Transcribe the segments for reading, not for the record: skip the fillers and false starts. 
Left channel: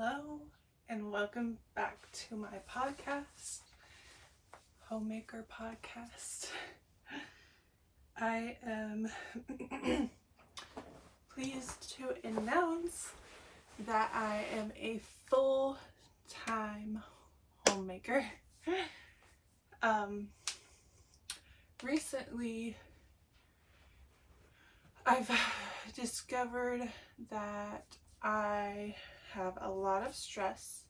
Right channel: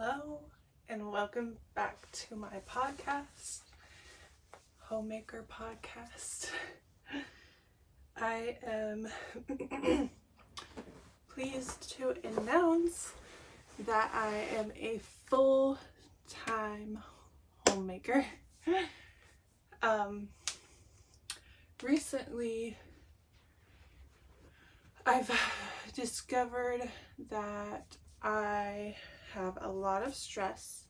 Hello and welcome back to my podcast, Homemaker Podcast. I am pleased to announce that I am a full-time homemaker. Recently, I've discovered that I have a lot of stress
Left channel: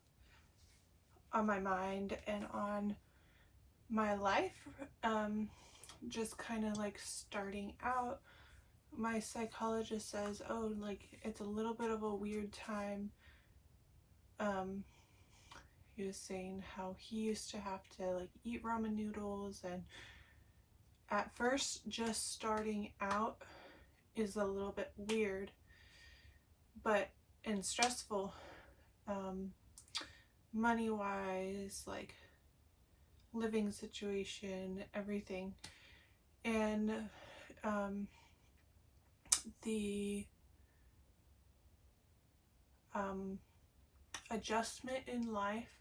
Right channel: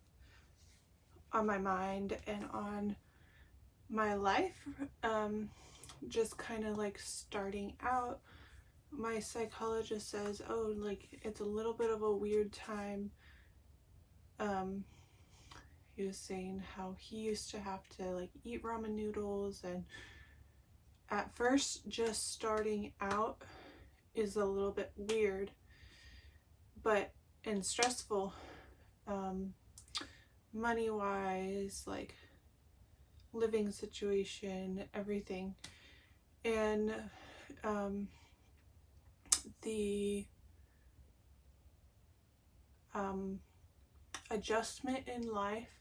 on my mind and on my life, just kind of like starting out. My psychologist says, oh, like it's a little bit of a weird time. He was saying how he used to have to like eat ramen noodles, and at first just starting out is a little bit weird and stressful, money wise, like living situation, everything. And the adjustment in life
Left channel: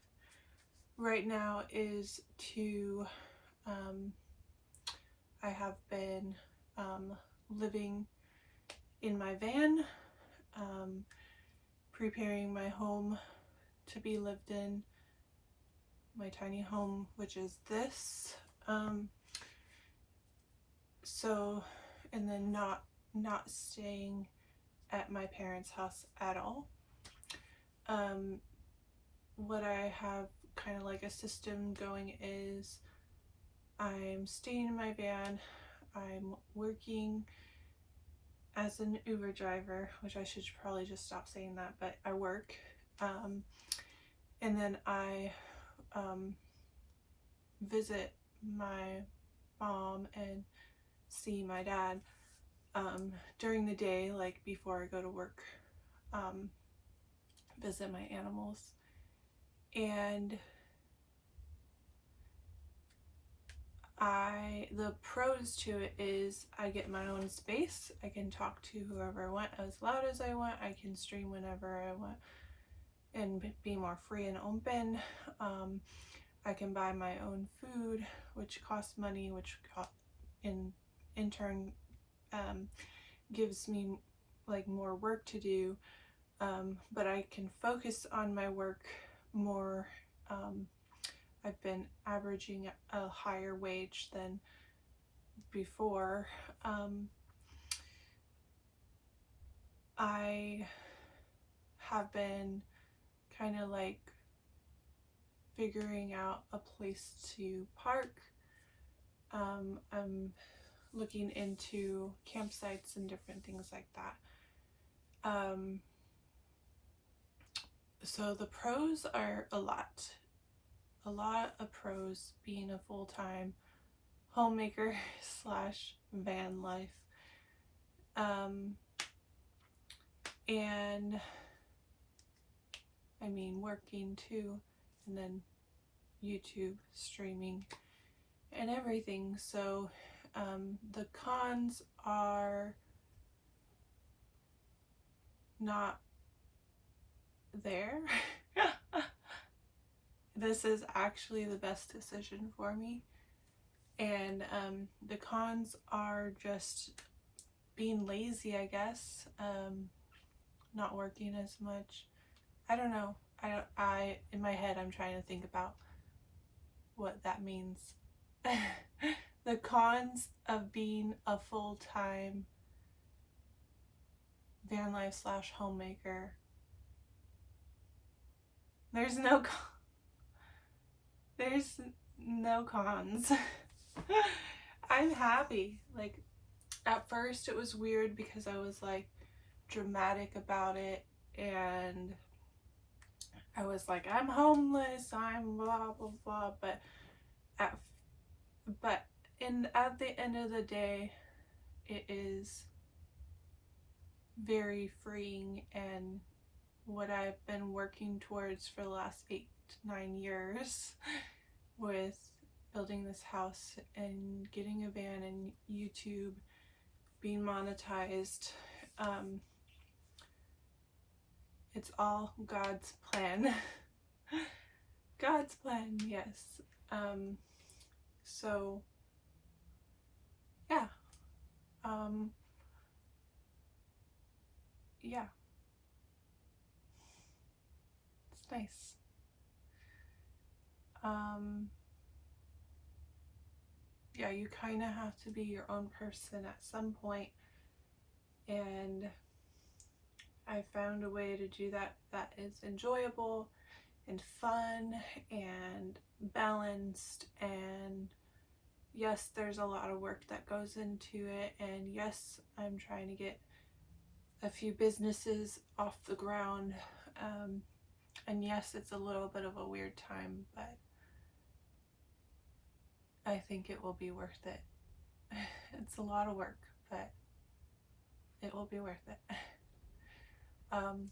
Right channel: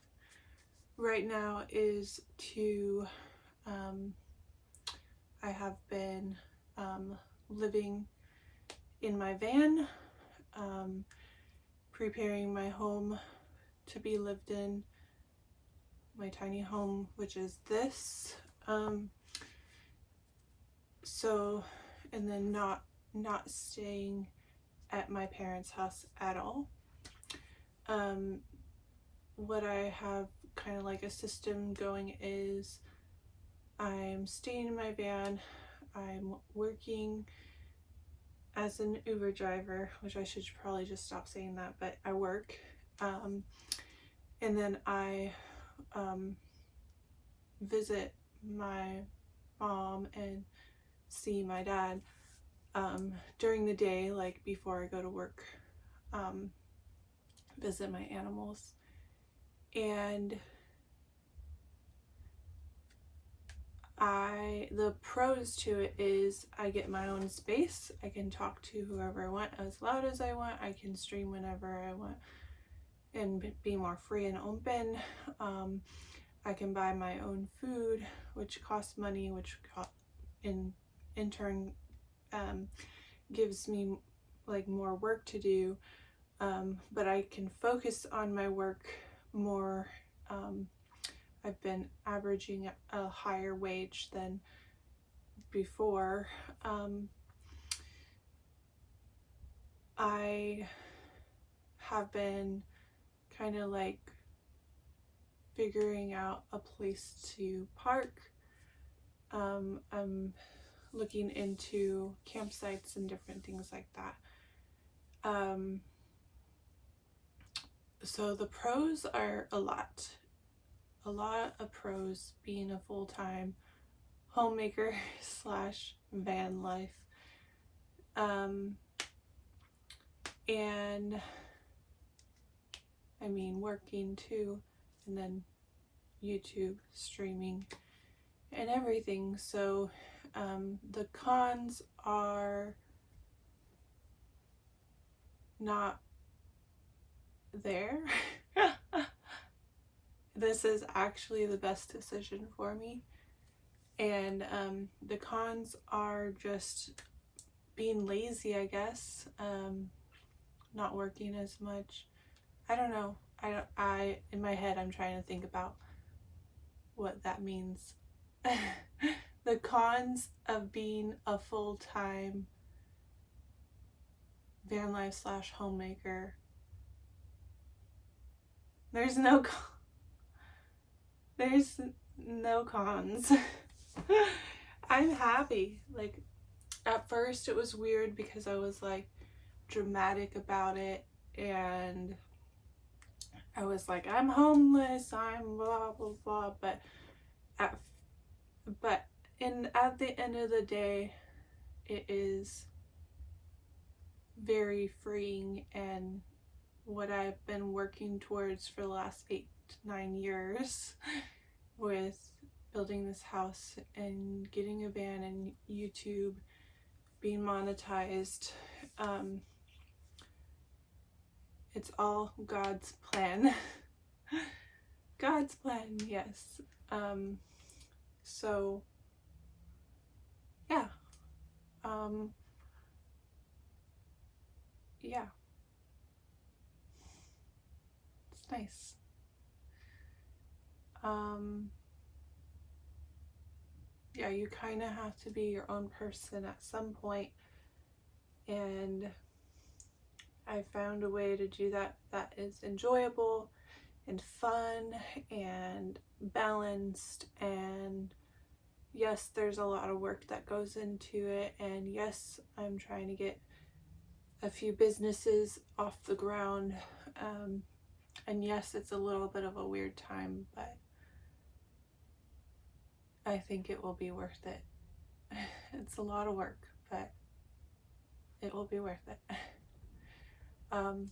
right now is to I have been living in my van, preparing my home to be lived in, my tiny home, which is this. And then not staying at my parents' house at all. What I have kind of like a system going is I'm staying in my van, I'm working as an Uber driver, which I should probably just stop saying that, but I work, and then I visit my mom and see my dad during the day, like before I go to work, visit my animals. And the pros to it is I get my own space. I can talk to whoever I want as loud as I want. I can stream whenever I want and be more free and open. I can buy my own food, which costs money, which in turn gives me like more work to do, but I can focus on my work more. I've been averaging a higher wage than before. I have been kind of like figuring out a place to park. I'm looking into campsites and different things like that. So the pros are a lot of pros being a full-time homemaker slash van life. And I mean working too, and then YouTube streaming and everything. So the cons are not there. This is actually the best decision for me. And the cons are just being lazy, I guess. Not working as much. I don't know. I in my head I'm trying to think about what that means. The cons of being a full-time van life slash homemaker. There's no cons. I'm happy. Like at first it was weird because I was like dramatic about it, and I was like, I'm homeless, I'm blah blah blah, but at the end of the day, it is very freeing, and what I've been working towards for the last 8-9 years with building this house and getting a van and YouTube, being monetized, it's all God's plan. God's plan, yes. So yeah. Um, yeah, it's nice. Um, yeah, you kind of have to be your own person at some point, and I found a way to do that that is enjoyable and fun and balanced. And yes, there's a lot of work that goes into it, and yes, I'm trying to get a few businesses off the ground. And yes, it's a little bit of a weird time, but I think it will be worth it. It's a lot of work, but it will be worth it. Um,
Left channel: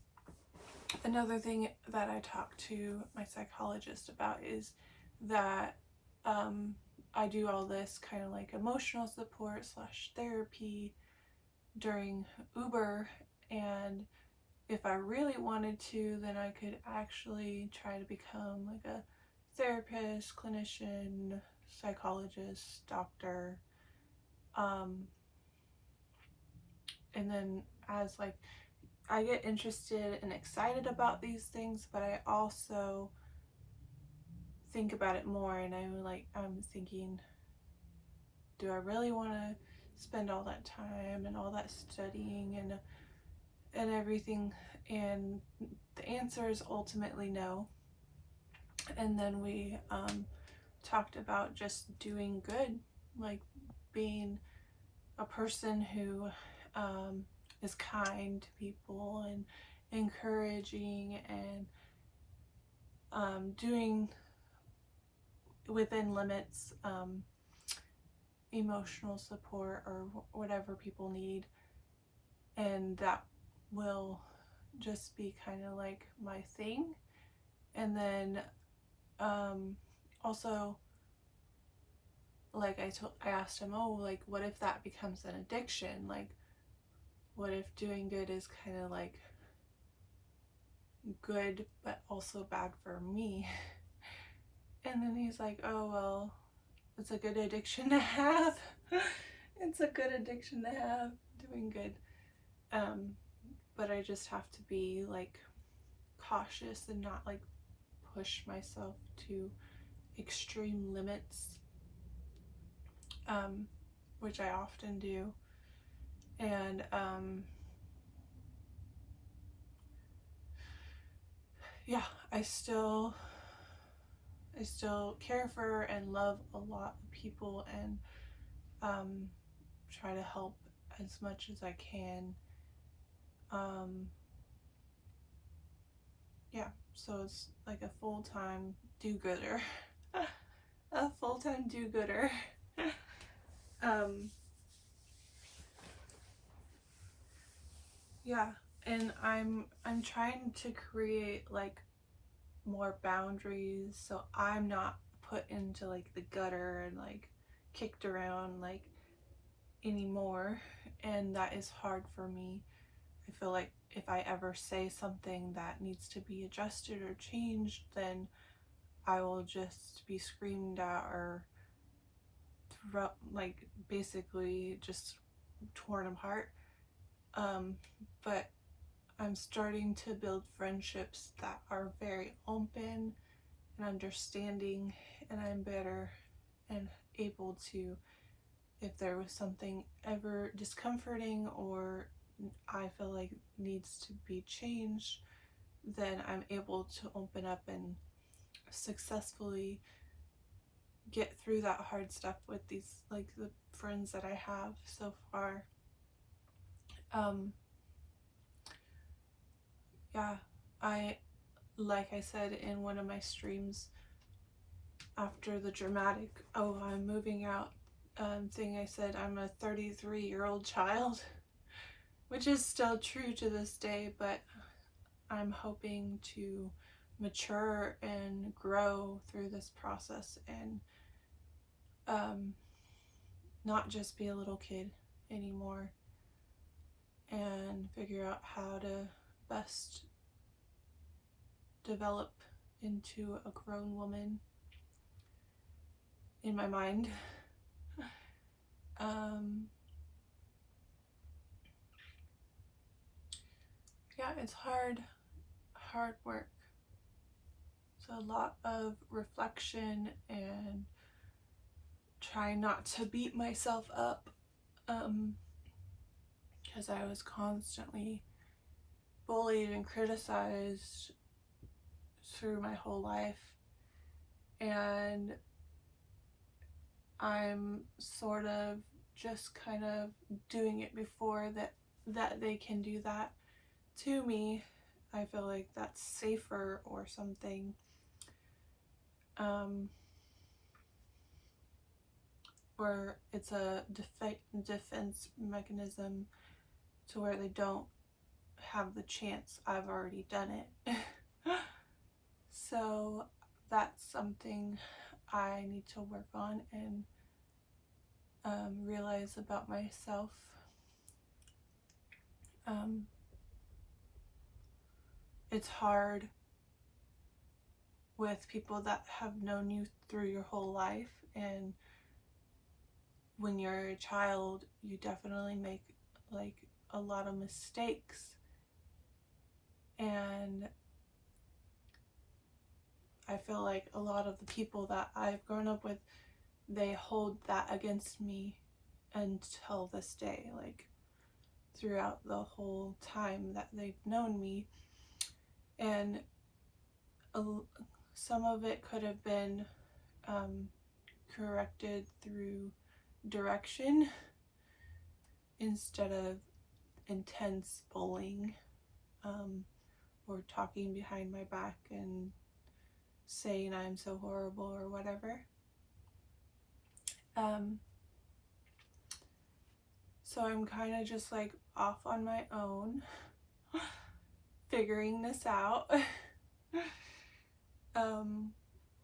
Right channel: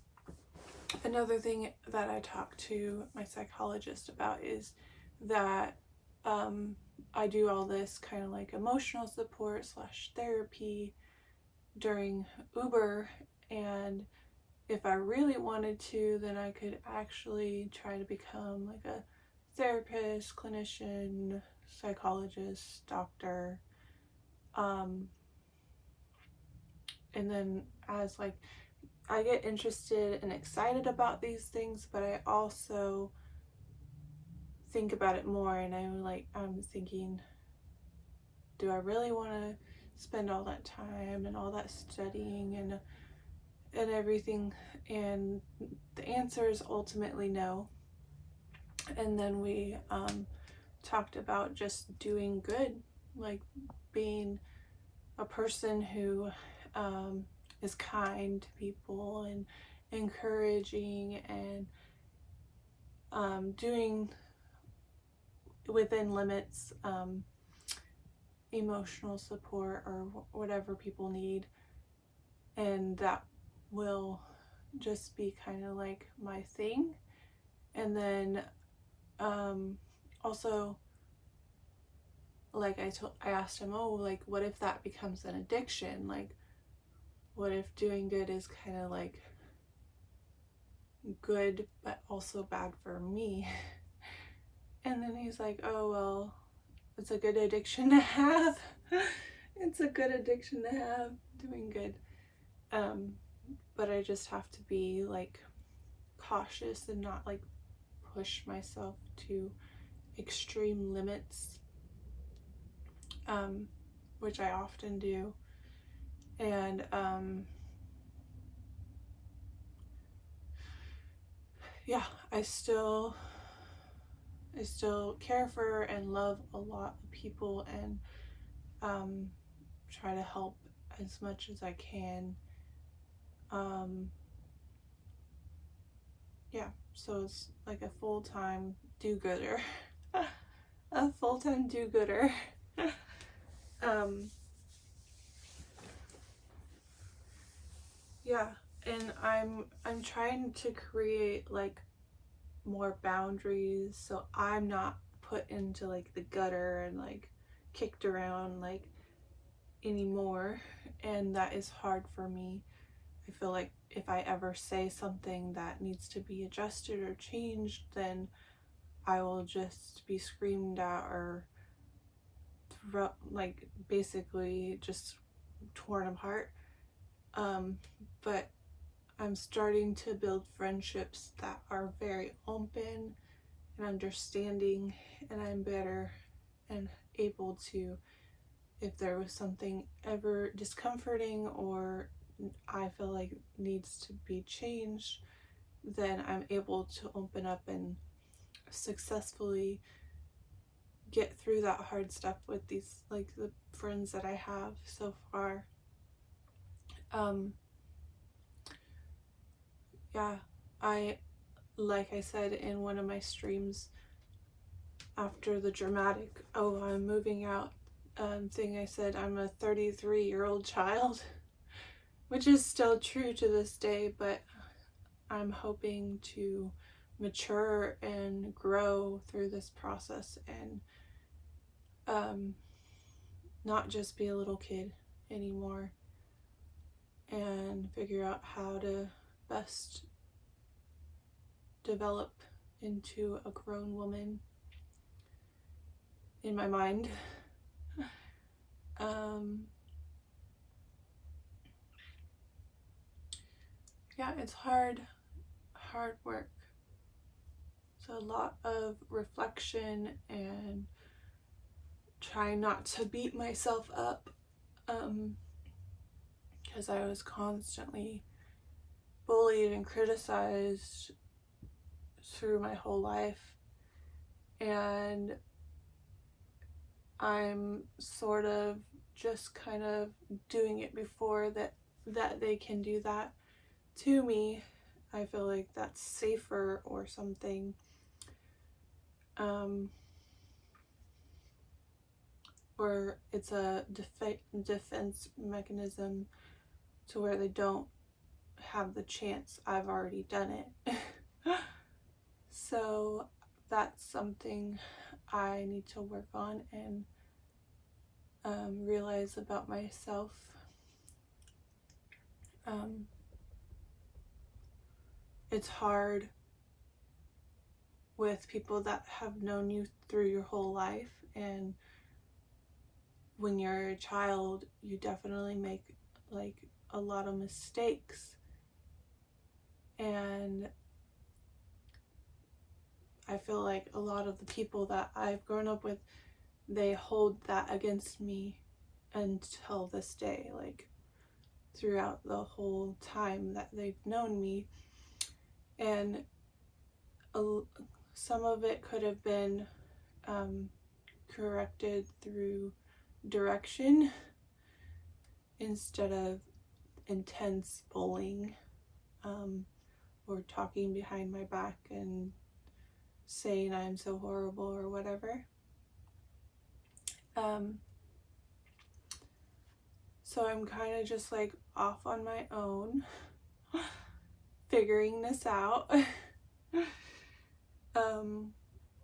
Another thing that I talked to my psychologist about is that I do all this kind of like emotional support / therapy during Uber, and if I really wanted to, then I could actually try to become like a therapist, clinician, psychologist, doctor. And then as like I get interested and excited about these things, but I also think about it more, and I'm thinking, do I really want to spend all that time and all that studying and everything? And the answer is ultimately no. And then we talked about just doing good, like being a person who is kind to people and encouraging, and doing within limits, emotional support or whatever people need. And that will just be kind of like my thing. And then also, like I asked him, oh, like what if that becomes an addiction? Like what if doing good is kind of like good but also bad for me? And then he's like, oh well, it's a good addiction to have. It's a good addiction to have, doing good. But I just have to be like cautious and not like push myself to extreme limits, which I often do. And yeah, I still care for and love a lot of people, and try to help as much as I can. Yeah, so it's like a full-time do-gooder. A full-time do-gooder. Yeah, and I'm trying to create like more boundaries so I'm not put into like the gutter and like kicked around like anymore. And that is hard for me. I feel like if I ever say something that needs to be adjusted or changed, then I will just be screamed at or like basically just torn apart. But I'm starting to build friendships that are very open and understanding, and I'm better and able to, if there was something ever discomforting or I feel like needs to be changed, then I'm able to open up and successfully get through that hard stuff with these, like the friends that I have so far. Yeah, like I said in one of my streams after the dramatic, oh, I'm moving out thing, I said I'm a 33-year-old child, which is still true to this day, but I'm hoping to mature and grow through this process and not just be a little kid anymore, and figure out how to best develop into a grown woman in my mind. Yeah, it's hard work. It's a lot of reflection and trying not to beat myself up, because I was constantly bullied and criticized through my whole life, and I'm sort of just kind of doing it before that they can do that to me. I feel like that's safer or something. Or it's a defense mechanism to where they don't have the chance. I've already done it. So that's something I need to work on and realize about myself. It's hard with people that have known you through your whole life, and when you're a child, you definitely make like a lot of mistakes, and I feel like a lot of the people that I've grown up with, they hold that against me until this day, like throughout the whole time that they've known me. And some of it could have been corrected through direction instead of intense bullying, or talking behind my back and saying I'm so horrible or whatever. So I'm kind of just like off on my own, figuring this out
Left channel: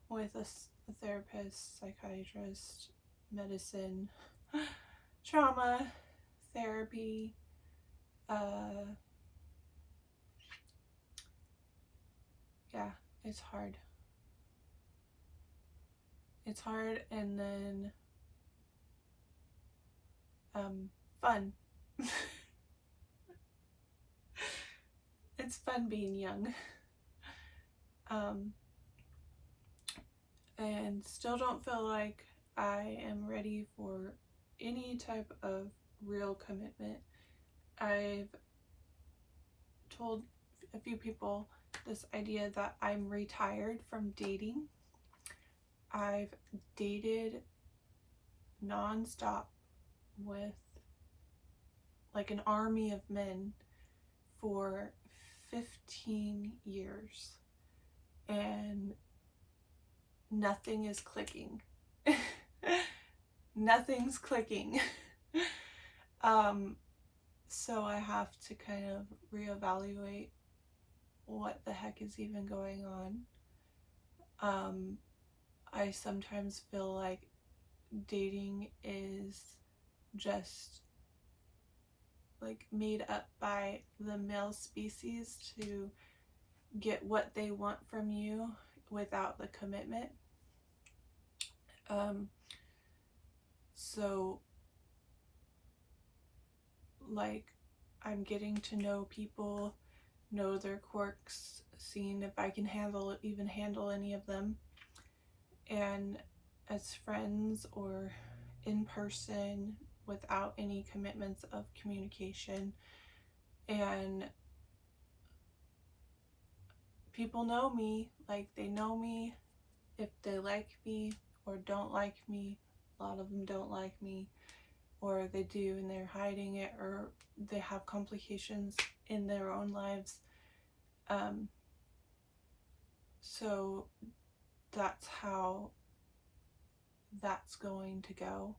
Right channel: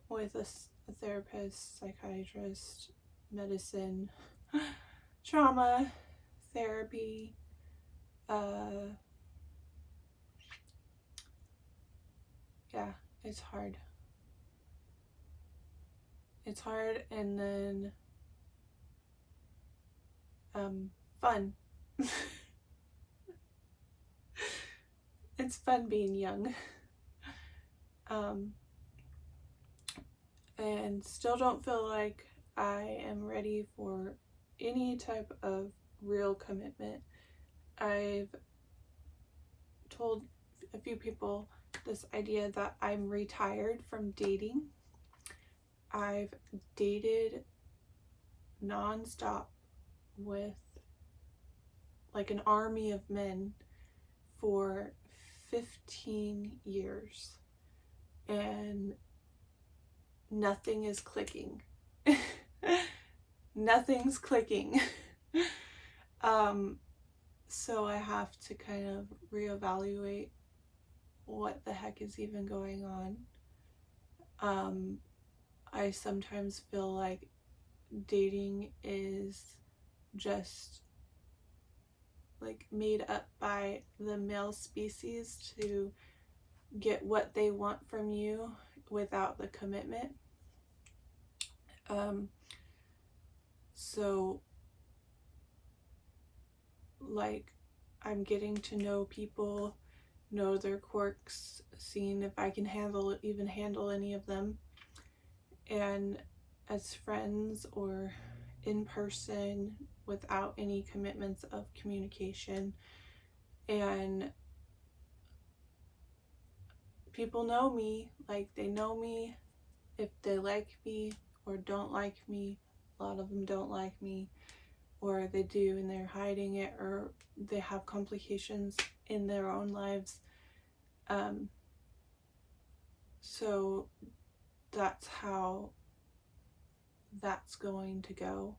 with a therapist, psychiatrist, medicine, trauma, therapy, yeah, it's hard. It's hard, and then fun. It's fun being young. And still don't feel like I am ready for any type of real commitment. I've told a few people this idea that I'm retired from dating. I've dated nonstop with like an army of men for 15 years, and nothing is clicking. Nothing's clicking. So I have to kind of reevaluate what the heck is even going on. I sometimes feel like dating is just like made up by the male species to get what they want from you without the commitment. So like I'm getting to know people, know their quirks, seeing if I can handle any of them, and as friends or in person without any commitments of communication. And people know me, like they know me if they like me or don't like me. A lot of them don't like me, or they do and they're hiding it, or they have complications in their own lives. So that's how that's going to go.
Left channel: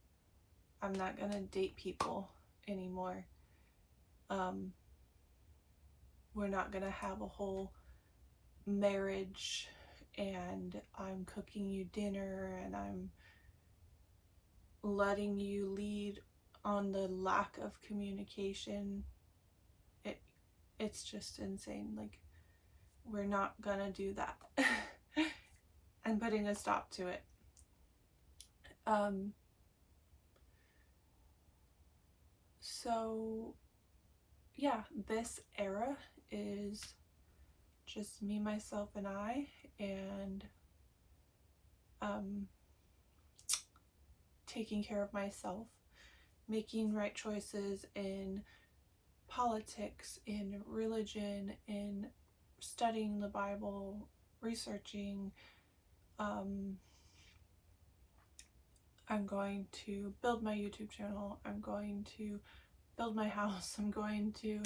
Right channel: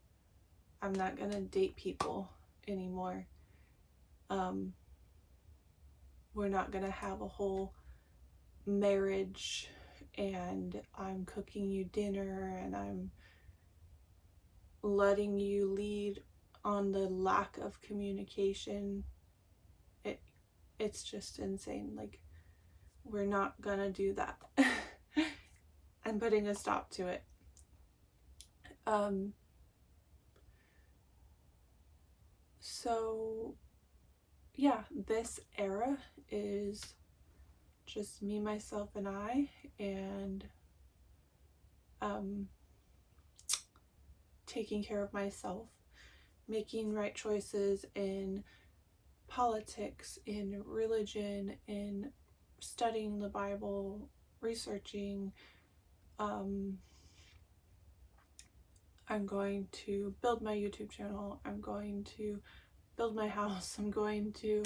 I'm not gonna date people anymore. We're not gonna have a whole marriage and I'm cooking you dinner and I'm letting you lead on the lack of communication. It's just insane. Like we're not gonna do that. I'm putting a stop to it. So yeah, this era is just me, myself, and I, and taking care of myself, making right choices in politics, in religion, in studying the Bible, researching. I'm going to build my YouTube channel. I'm going to build my house. I'm going to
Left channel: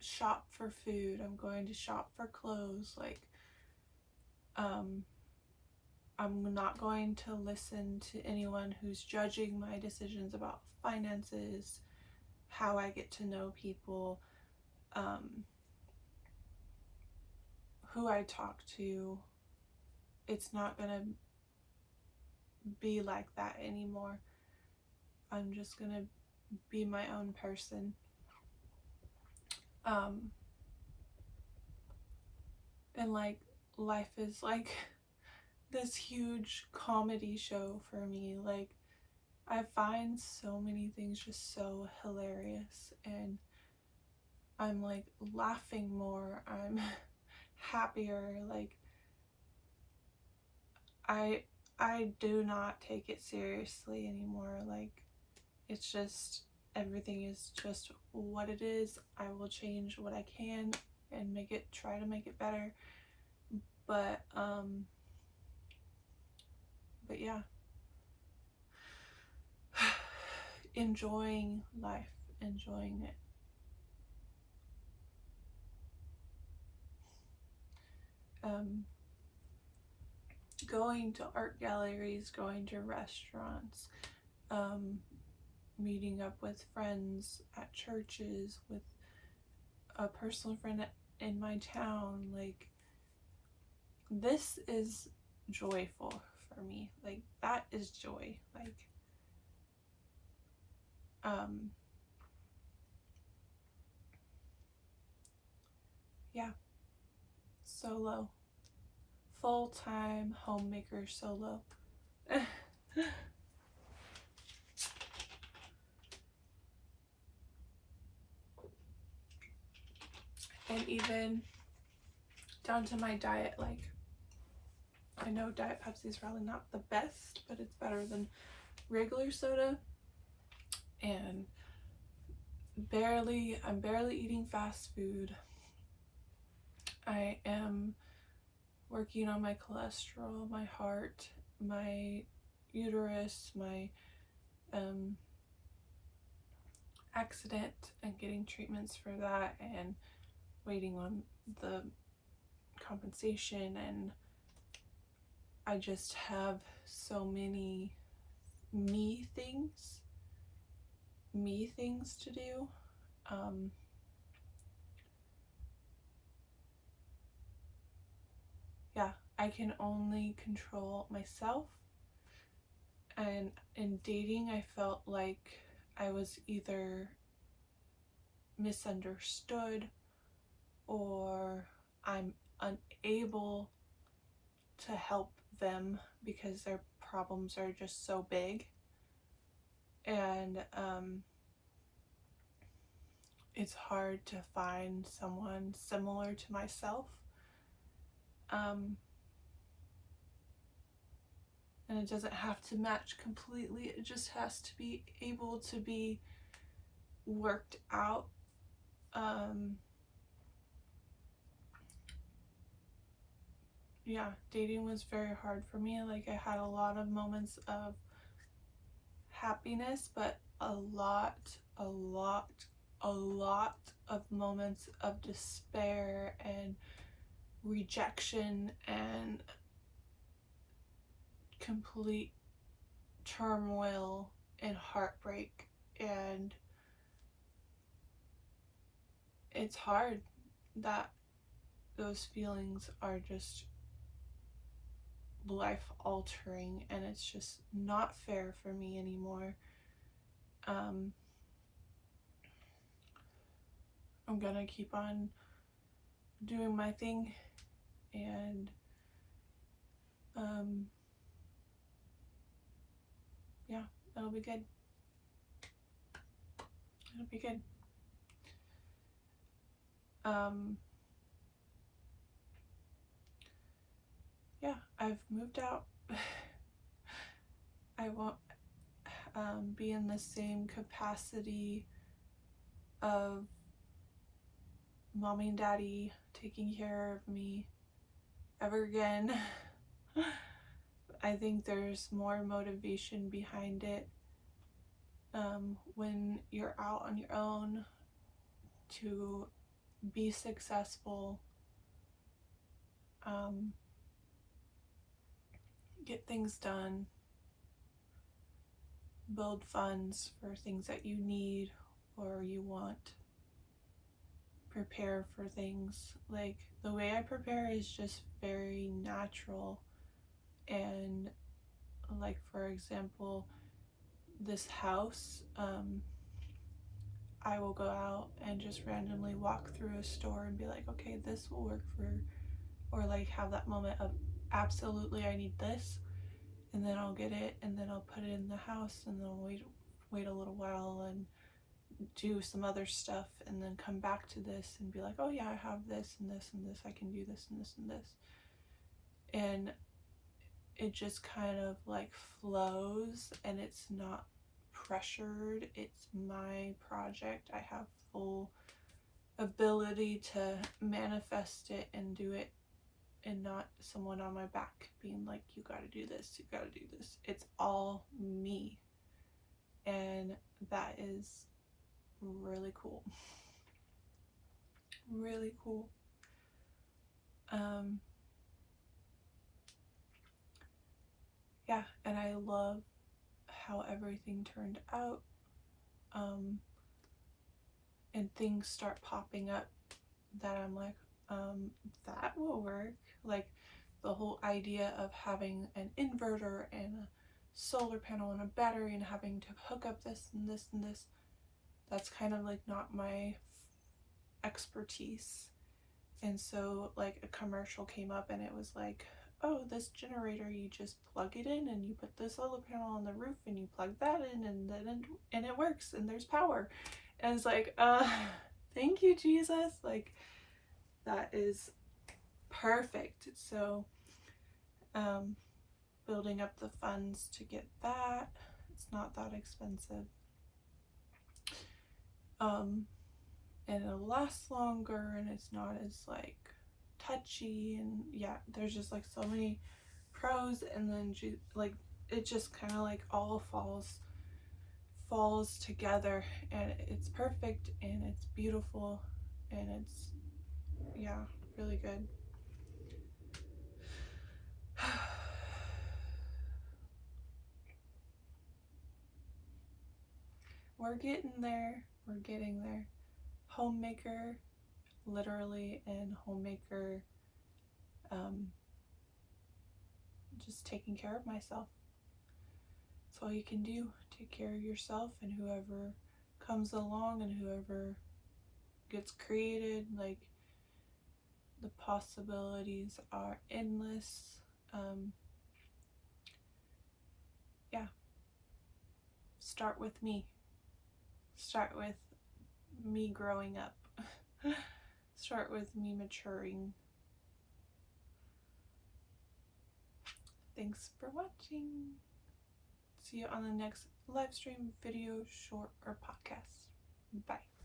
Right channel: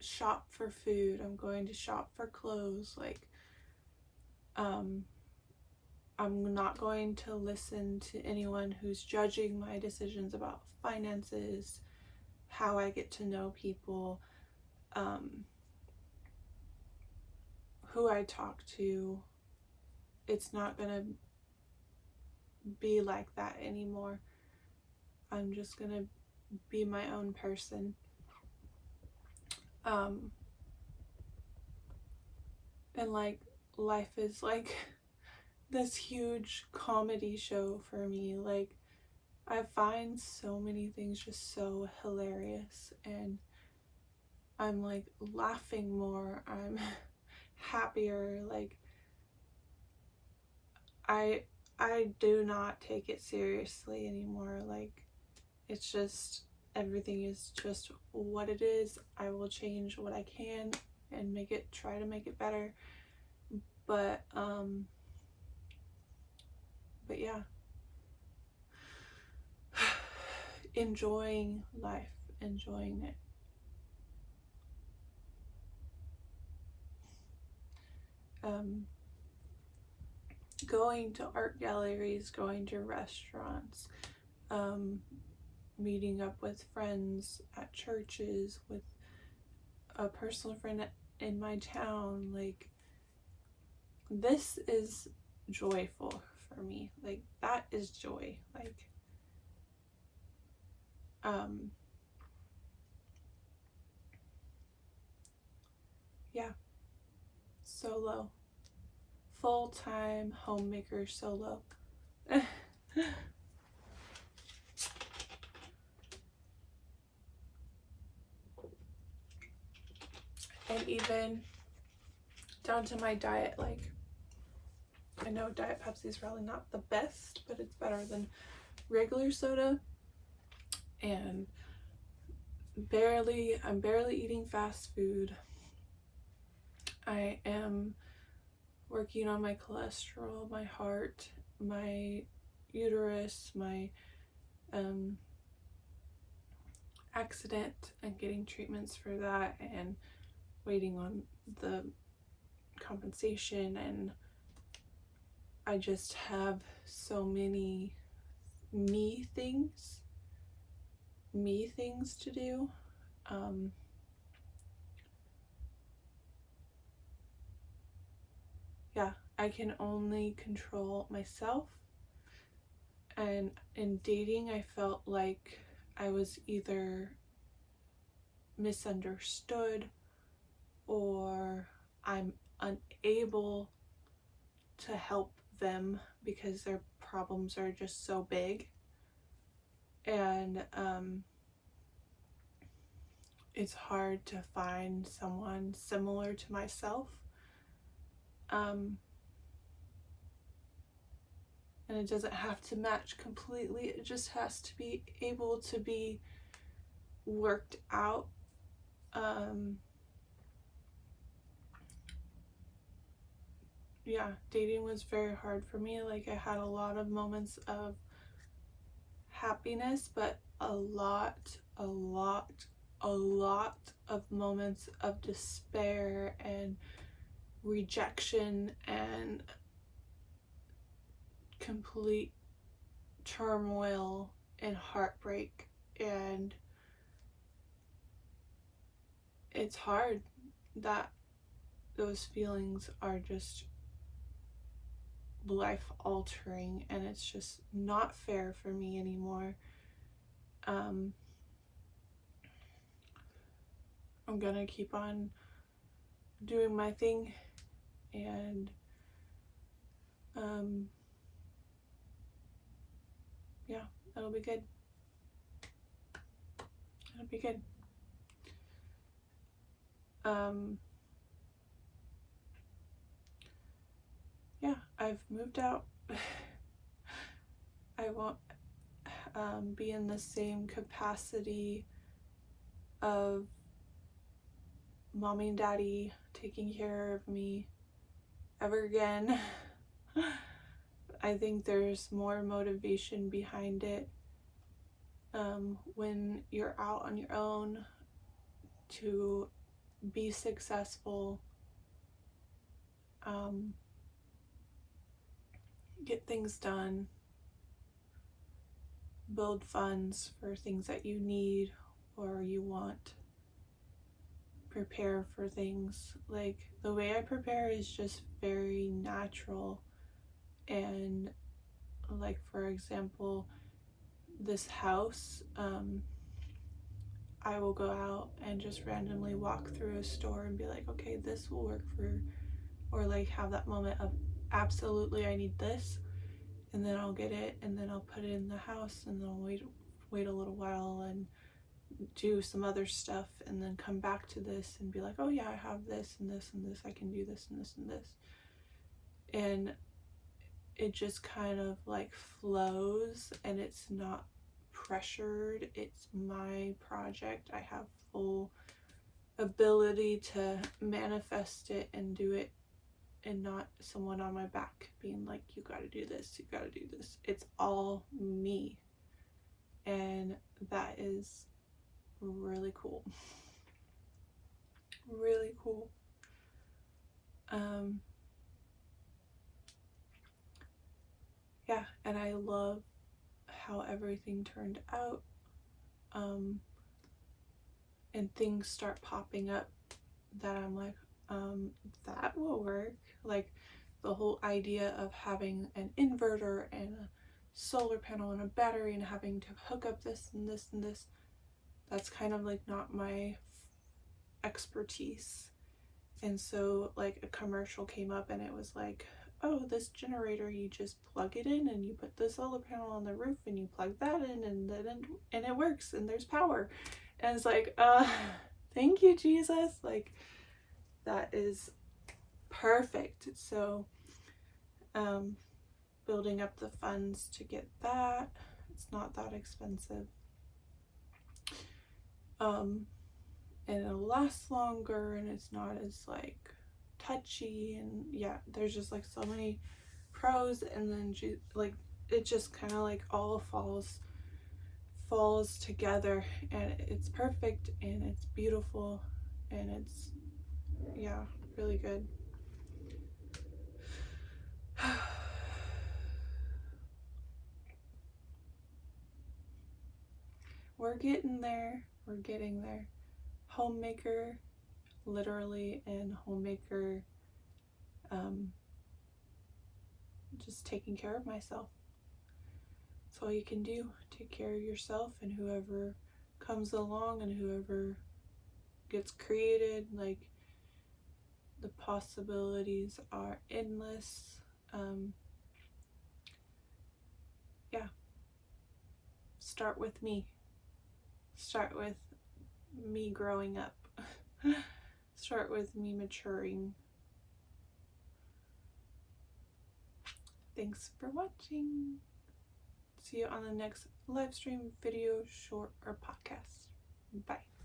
shop for food. I'm going to shop for clothes. Like, I'm not going to listen to anyone who's judging my decisions about finances, how I get to know people, who I talk to. It's not gonna be like that anymore. I'm just gonna be my own person. And like, life is like this huge comedy show for me. Like, I find so many things just so hilarious, and I'm like laughing more, I'm happier. Like, I do not take it seriously anymore. Like, it's just, everything is just what it is. I will change what I can and try to make it better. But yeah, enjoying life, enjoying it. Going to art galleries, going to restaurants, meeting up with friends at churches, with a personal friend in my town. Like, this is joyful for me. Like, that is joy. Like, yeah, solo, full-time homemaker solo. And even down to my diet. Like, I know Diet Pepsi is probably not the best, but it's better than regular soda. And I'm barely eating fast food. I am working on my cholesterol, my heart, my uterus, my accident, and getting treatments for that, and waiting on the compensation. And I just have so many me things to do. Yeah, I can only control myself. And in dating, I felt like I was either misunderstood, or I'm unable to help them because their problems are just so big. And it's hard to find someone similar to myself. And it doesn't have to match completely. It just has to be able to be worked out. Yeah, dating was very hard for me. Like, I had a lot of moments of happiness, but a lot of moments of despair and rejection and complete turmoil and heartbreak. And it's hard that those feelings are just life altering, and it's just not fair for me anymore. I'm gonna keep on doing my thing, and yeah, it'll be good. It'll be good. Yeah, I've moved out. I won't be in the same capacity of mommy and daddy taking care of me ever again. I think there's more motivation behind it when you're out on your own to be successful, get things done, build funds for things that you need or you want, prepare for things. Like, the way I prepare is just very natural. And like, for example, this house, I will go out and just randomly walk through a store and be like, okay, this will work for, or like have that moment of absolutely I need this, and then I'll get it, and then I'll put it in the house, and then I'll wait a little while and do some other stuff, and then come back to this and be like, oh yeah, I have this and this and this, I can do this and this and this. And it just kind of like flows, and it's not pressured. It's my project. I have full ability to manifest it and do it, and not someone on my back being like, you gotta do this, you gotta do this. It's all me, and that is really cool. Really cool. Yeah, and I love how everything turned out, and things start popping up that I'm like, that will work. Like, the whole idea of having an inverter and a solar panel and a battery and having to hook up this and this and this, that's kind of like not my expertise. And so like a commercial came up and it was like, oh, this generator, you just plug it in and you put the solar panel on the roof and you plug that in, and then it works and there's power. And it's like, thank you, Jesus. Like, that is perfect. So building up the funds to get that. It's not that expensive. And it'll last longer, and it's not as like touchy, and yeah, there's just like so many pros. And then like, it just kind of like all falls together, and it's perfect, and it's beautiful, and it's, yeah, really good. We're getting there. We're getting there. Homemaker, literally, and Homemaker, just taking care of myself. That's all you can do. Take care of yourself, and whoever comes along and whoever gets created. Like, the possibilities are endless. Yeah. Start with me. Start with me growing up. Start with me maturing. Thanks for watching. See you on the next live stream, video, short, or podcast. Bye.